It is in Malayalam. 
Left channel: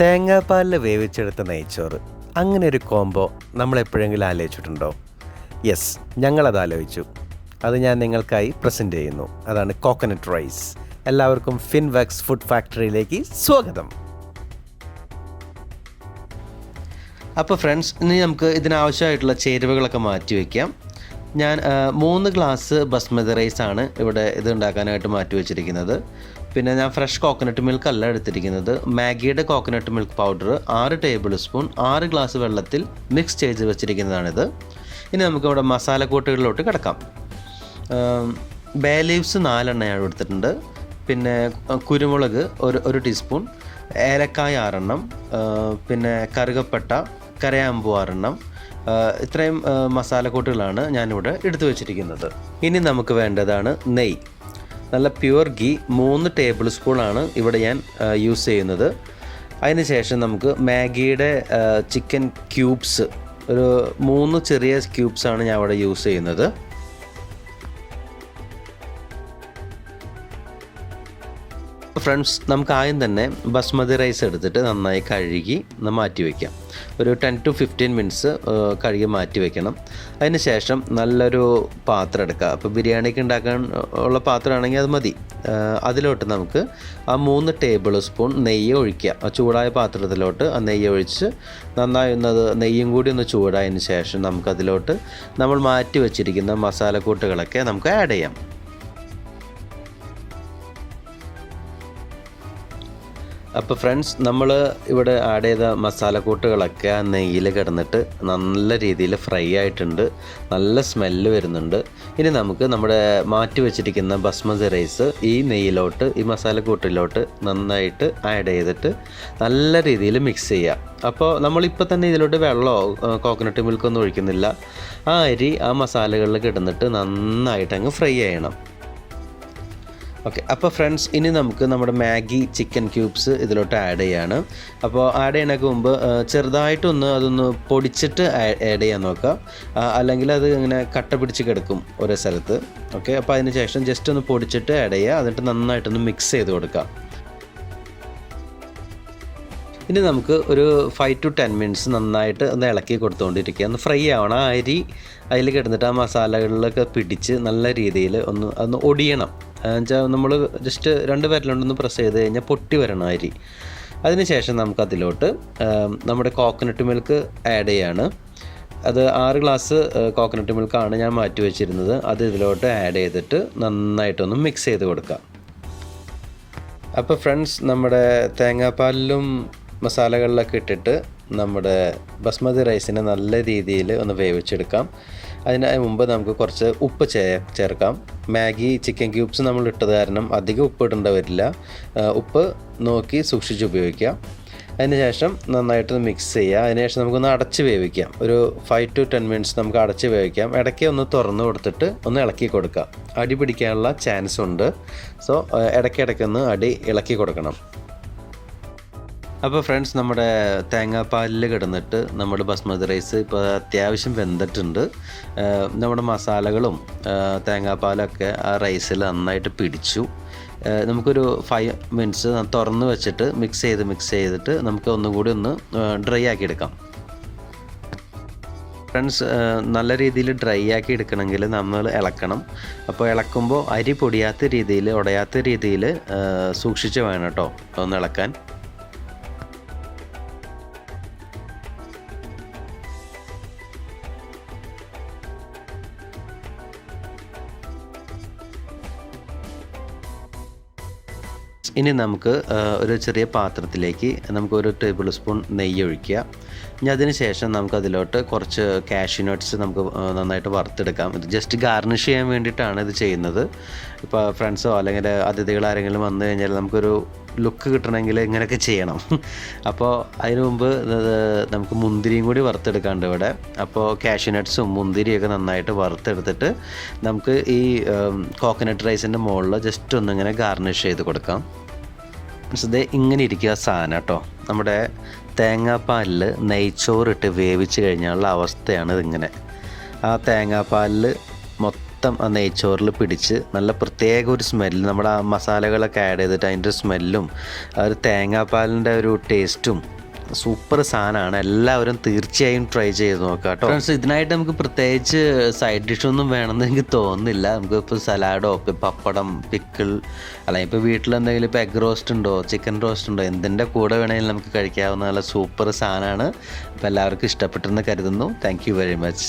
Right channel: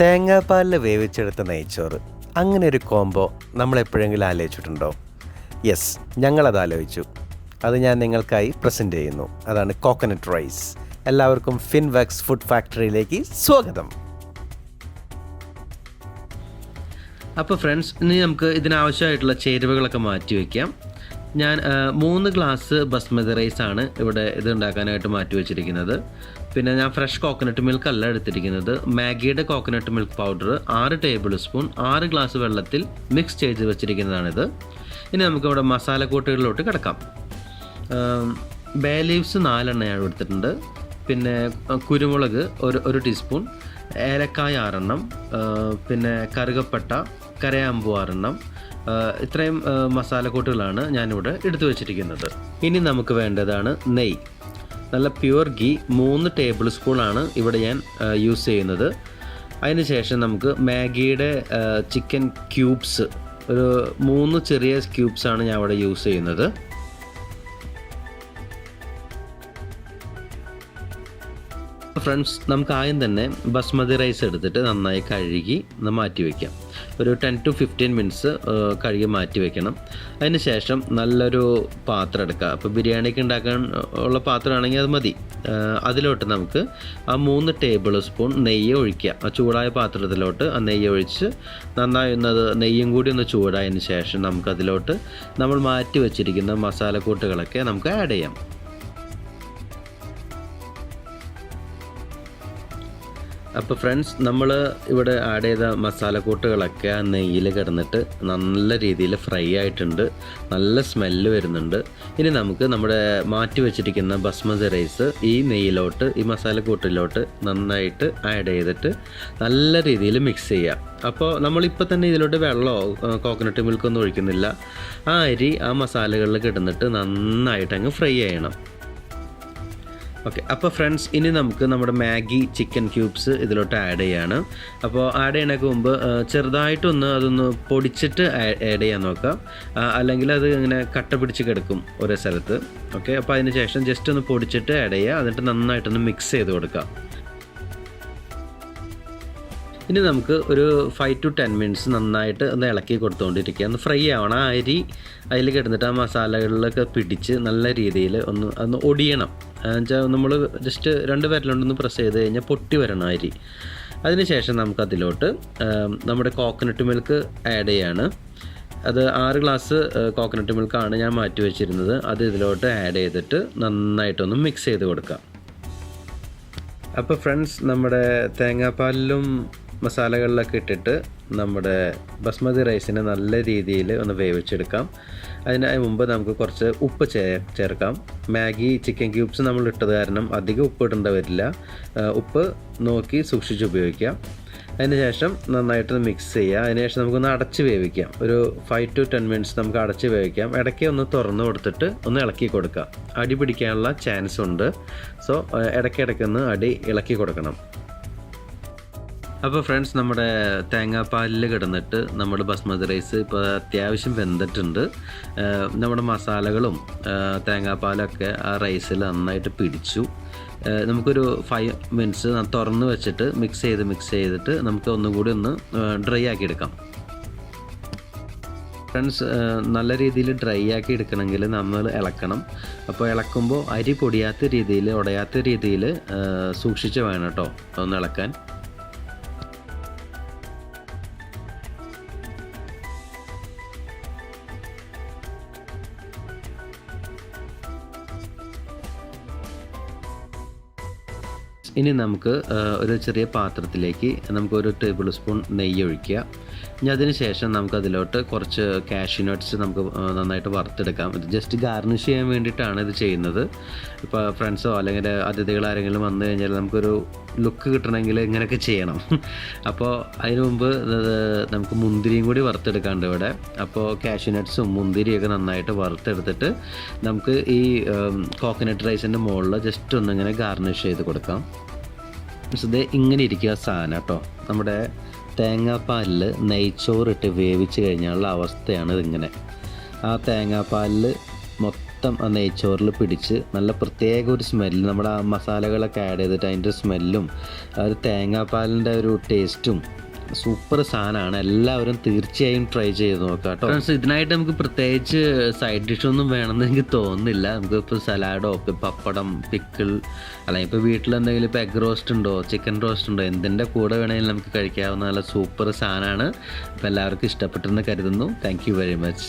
തേങ്ങാപ്പാലിൽ വേവിച്ചെടുത്ത നെയ്ച്ചോറ്, അങ്ങനെ ഒരു കോംബോ നമ്മളെപ്പോഴെങ്കിലും ആലോചിച്ചിട്ടുണ്ടോ? യെസ്, ഞങ്ങളത് ആലോചിച്ചു. അത് ഞാൻ നിങ്ങൾക്കായി പ്രസൻറ്റ് ചെയ്യുന്നു. അതാണ് കോക്കനട്ട് റൈസ്. എല്ലാവർക്കും ഫിൻവെക്സ് ഫുഡ് ഫാക്ടറിയിലേക്ക് സ്വാഗതം. അപ്പോൾ ഫ്രണ്ട്സ്, ഇനി നമുക്ക് ഇതിനാവശ്യമായിട്ടുള്ള ചേരുവകളൊക്കെ മാറ്റി വയ്ക്കാം. ഞാൻ 3 ഗ്ലാസ് ബസ്മതി റൈസാണ് ഇവിടെ ഇത് ഉണ്ടാക്കാനായിട്ട് മാറ്റി വെച്ചിരിക്കുന്നത്. പിന്നെ ഞാൻ ഫ്രഷ് കോക്കനട്ട് മിൽക്ക് അല്ല എടുത്തിരിക്കുന്നത്. മാഗിയുടെ coconut milk powder 6 tablespoon 6 glass വെള്ളത്തിൽ മിക്സ് ചെയ്ത് വെച്ചിരിക്കുന്നതാണിത്. ഇനി നമുക്കിവിടെ മസാലക്കൂട്ടുകളിലോട്ട് കിടക്കാം. ബേ ലീവ്സ് 4 എണ്ണയാണ് എടുത്തിട്ടുണ്ട്. പിന്നെ കുരുമുളക് 1 ടീസ്പൂൺ, ഏലക്കായ 6 എണ്ണം, പിന്നെ കറുകപ്പട്ട, കരയാമ്പൂ 6 എണ്ണം. ഇത്രയും മസാലക്കൂട്ടുകളാണ് ഞാനിവിടെ എടുത്തു വച്ചിരിക്കുന്നത്. ഇനി നമുക്ക് വേണ്ടതാണ് നെയ്യ്. നല്ല പ്യുവർ ഗീ 3 ടേബിൾ സ്പൂണാണ് ഇവിടെ ഞാൻ യൂസ് ചെയ്യുന്നത്. അതിന് ശേഷം നമുക്ക് മാഗിയുടെ ചിക്കൻ ക്യൂബ്സ് ഒരു 3 ചെറിയ ക്യൂബ്സാണ് ഞാൻ ഇവിടെ യൂസ് ചെയ്യുന്നത്. ഫ്രണ്ട്സ്, നമുക്ക് ആദ്യം തന്നെ ബസ്മതി റൈസ് എടുത്തിട്ട് നന്നായി കഴുകി മാറ്റി വയ്ക്കാം. ഒരു 10 to 15 മിനിറ്റ്സ് കഴുകി മാറ്റി വയ്ക്കണം. അതിന് ശേഷം നല്ലൊരു പാത്രം എടുക്കുക. അപ്പോൾ ബിരിയാണിക്ക് ഉണ്ടാക്കാൻ ഉള്ള പാത്രമാണെങ്കിൽ അത് മതി. അതിലോട്ട് നമുക്ക് ആ 3 ടേബിൾ സ്പൂൺ നെയ്യ് ഒഴിക്കുക. ആ ചൂടായ പാത്രത്തിലോട്ട് ആ നെയ്യ് ഒഴിച്ച് നന്നായി നെയ്യും കൂടി ഒന്ന് ചൂടായതിന് ശേഷം നമുക്കതിലോട്ട് നമ്മൾ മാറ്റി വെച്ചിരിക്കുന്ന മസാലക്കൂട്ടുകളൊക്കെ നമുക്ക് ആഡ് ചെയ്യാം. അപ്പോൾ ഫ്രണ്ട്സ്, നമ്മൾ ഇവിടെ ആഡ് ചെയ്ത മസാലക്കൂട്ടുകളൊക്കെ ആ നെയ്യിൽ കിടന്നിട്ട് നല്ല രീതിയിൽ ഫ്രൈ ആയിട്ടുണ്ട്. നല്ല സ്മെല്ല് വരുന്നുണ്ട്. ഇനി നമുക്ക് നമ്മുടെ മാറ്റി വെച്ചിരിക്കുന്ന ബസ്മതി റൈസ് ഈ നെയ്യിലോട്ട്, ഈ മസാലക്കൂട്ടിലോട്ട് നന്നായിട്ട് ആഡ് ചെയ്തിട്ട് നല്ല രീതിയിൽ മിക്സ് ചെയ്യാം. അപ്പോൾ നമ്മളിപ്പോൾ തന്നെ ഇതിലോട്ട് വെള്ളമോ കോക്കനട്ട് മിൽക്കൊന്നും ഒഴിക്കുന്നില്ല. ആ അരി ആ മസാലകളിൽ കിടന്നിട്ട് നന്നായിട്ട് അങ്ങ് ഫ്രൈ ചെയ്യണം. ഓക്കെ, അപ്പോൾ ഫ്രണ്ട്സ്, ഇനി നമുക്ക് നമ്മുടെ മാഗി ചിക്കൻ ക്യൂബ്സ് ഇതിലോട്ട് ആഡ് ചെയ്യാണ്. അപ്പോൾ ആഡ് ചെയ്യണതിന് മുമ്പ് ചെറുതായിട്ടൊന്ന് അതൊന്ന് പൊടിച്ചിട്ട് ആഡ് ചെയ്യാൻ നോക്കാം. അല്ലെങ്കിൽ അത് ഇങ്ങനെ കട്ട പിടിച്ച് കിടക്കും ഓരോ സ്ഥലത്ത്. ഓക്കെ, അപ്പോൾ അതിന് ശേഷം ജസ്റ്റ് ഒന്ന് പൊടിച്ചിട്ട് ആഡ് ചെയ്യുക. എന്നിട്ട് നന്നായിട്ടൊന്ന് മിക്സ് ചെയ്ത് കൊടുക്കാം. ഇനി നമുക്ക് ഒരു 5 to 10 മിനിറ്റ്സ് നന്നായിട്ട് ഒന്ന് ഇളക്കി കൊടുത്തുകൊണ്ടിരിക്കുക. ഒന്ന് ഫ്രൈ ആവണം. ആ അരി അതിൽ കിടന്നിട്ട് ആ മസാലകളിലൊക്കെ പിടിച്ച് നല്ല രീതിയിൽ ഒന്ന് ഒടിയണം. എന്നുവെച്ചാൽ നമ്മൾ ജസ്റ്റ് 2 വിരലുകൊണ്ടൊന്ന് പ്രസ് ചെയ്ത് കഴിഞ്ഞാൽ പൊട്ടി വരണം അരി. അതിനുശേഷം നമുക്കതിലോട്ട് നമ്മുടെ കോക്കനട്ട് മിൽക്ക് ആഡ് ചെയ്യാണ്. അത് 6 ഗ്ലാസ് കോക്കനട്ട് മിൽക്കാണ് ഞാൻ മാറ്റി വെച്ചിരുന്നത്. അത് ഇതിലോട്ട് ആഡ് ചെയ്തിട്ട് നന്നായിട്ടൊന്ന് മിക്സ് ചെയ്ത് കൊടുക്കാം. അപ്പോൾ ഫ്രണ്ട്സ്, നമ്മുടെ തേങ്ങാപ്പാലിലും മസാലകളിലൊക്കെ ഇട്ടിട്ട് നമ്മുടെ ബസ്മതി റൈസിനെ നല്ല രീതിയിൽ ഒന്ന് വേവിച്ചെടുക്കാം. അതിന് മുമ്പ് നമുക്ക് കുറച്ച് ഉപ്പ് ചേർക്കാം. മാഗി ചിക്കൻ ക്യൂബ്സ് നമ്മൾ ഇട്ടത് കാരണം അധികം ഉപ്പ് ഇടേണ്ടി വരില്ല. ഉപ്പ് നോക്കി സൂക്ഷിച്ച് ഉപയോഗിക്കാം. അതിനുശേഷം നന്നായിട്ട് മിക്സ് ചെയ്യുക. അതിനുശേഷം നമുക്കൊന്ന് അടച്ച് വേവിക്കാം. ഒരു 5 to 10 മിനിറ്റ്സ് നമുക്ക് അടച്ച് വേവിക്കാം. ഇടയ്ക്ക് ഒന്ന് തുറന്ന് കൊടുത്തിട്ട് ഒന്ന് ഇളക്കി കൊടുക്കാം. അടി പിടിക്കാനുള്ള ചാൻസ് ഉണ്ട്. സോ ഇടയ്ക്കിടയ്ക്കൊന്ന് അടി ഇളക്കി കൊടുക്കണം. അപ്പോൾ ഫ്രണ്ട്സ്, നമ്മുടെ തേങ്ങാപ്പാലിൽ കിടന്നിട്ട് നമ്മുടെ ബസ്മതി റൈസ് ഇപ്പോൾ അത്യാവശ്യം വെന്തിട്ടുണ്ട്. നമ്മുടെ മസാലകളും തേങ്ങാപ്പാലൊക്കെ ആ റൈസിൽ നന്നായിട്ട് പിടിച്ചു. നമുക്കൊരു 5 മിനിറ്റ്സ് തുറന്ന് വെച്ചിട്ട് മിക്സ് ചെയ്തിട്ട് നമുക്ക് ഒന്നും കൂടി ഒന്ന് ഡ്രൈ ആക്കി എടുക്കാം. ഫ്രണ്ട്സ്, നല്ല രീതിയിൽ ഡ്രൈ ആക്കി എടുക്കണമെങ്കിൽ നമ്മൾ ഇളക്കണം. അപ്പോൾ ഇളക്കുമ്പോൾ അരി പൊടിയാത്ത രീതിയിൽ, ഉടയാത്ത രീതിയിൽ സൂക്ഷിച്ച് വേണം കേട്ടോ ഒന്ന് ഇളക്കാൻ. ഇനി നമുക്ക് ഒരു ചെറിയ പാത്രത്തിലേക്ക് നമുക്ക് 1 ടേബിൾ സ്പൂൺ നെയ്യ് ഒഴിക്കുക. ഇനി അതിന് ശേഷം നമുക്കതിലോട്ട് കുറച്ച് കാഷ്യൂ നട്ട്സ് നമുക്ക് നന്നായിട്ട് വറുത്തെടുക്കാം. ജസ്റ്റ് ഗാർണിഷ് ചെയ്യാൻ വേണ്ടിയിട്ടാണ് ഇത് ചെയ്യുന്നത്. ഇപ്പോൾ ഫ്രണ്ട്സോ അല്ലെങ്കിൽ അതിഥികൾ ആരെങ്കിലും വന്നു കഴിഞ്ഞാൽ നമുക്കൊരു ലുക്ക് കിട്ടണമെങ്കിൽ ഇങ്ങനെയൊക്കെ ചെയ്യണം. അപ്പോൾ അതിന് മുമ്പ് നമുക്ക് മുന്തിരിയും കൂടി വറുത്തെടുക്കാണ്ട് ഇവിടെ. അപ്പോൾ കാഷ്യൂ നട്ട്സും മുന്തിരിയൊക്കെ നന്നായിട്ട് വറുത്തെടുത്തിട്ട് നമുക്ക് ഈ കോക്കനട്ട് റൈസിൻ്റെ മുകളിൽ ജസ്റ്റ് ഒന്നിങ്ങനെ ഗാർണിഷ് ചെയ്ത് കൊടുക്കാം. ഇത് ഇങ്ങനെ ഇരിക്കുക സാധനം കേട്ടോ. നമ്മുടെ തേങ്ങാപ്പാലിൽ നെയ്ച്ചോറിട്ട് വേവിച്ച് കഴിഞ്ഞാലുള്ള അവസ്ഥയാണ് ഇതിങ്ങനെ. ആ തേങ്ങാപ്പാലിൽ മൊത്തം മൊത്തം ആ നെയ്ച്ചോറിൽ പിടിച്ച് നല്ല പ്രത്യേക ഒരു സ്മെല്ല്, നമ്മുടെ ആ മസാലകളൊക്കെ ആഡ് ചെയ്തിട്ട് അതിൻ്റെ സ്മെല്ലും ആ ഒരു തേങ്ങാപ്പാലിൻ്റെ ഒരു ടേസ്റ്റും സൂപ്പർ സാധനമാണ്. എല്ലാവരും തീർച്ചയായും ട്രൈ ചെയ്ത് നോക്കാം കേട്ടോ ഫ്രണ്ട്സ്. ഇതിനായിട്ട് നമുക്ക് പ്രത്യേകിച്ച് സൈഡ് ഡിഷൊന്നും വേണമെന്ന് എനിക്ക് തോന്നുന്നില്ല. നമുക്കിപ്പോൾ സലാഡോ പപ്പടം പിക്കിൾ അല്ലെങ്കിൽ ഇപ്പോൾ വീട്ടിലെന്തെങ്കിലും ഇപ്പോൾ എഗ് റോസ്റ്റ് ഉണ്ടോ ചിക്കൻ റോസ്റ്റ് ഉണ്ടോ എന്തിൻ്റെ കൂടെ വേണമെങ്കിലും നമുക്ക് കഴിക്കാവുന്ന നല്ല സൂപ്പർ സാധനമാണ്. അപ്പോൾ എല്ലാവർക്കും ഇഷ്ടപ്പെട്ടെന്ന് കരുതുന്നു. Thank you very much.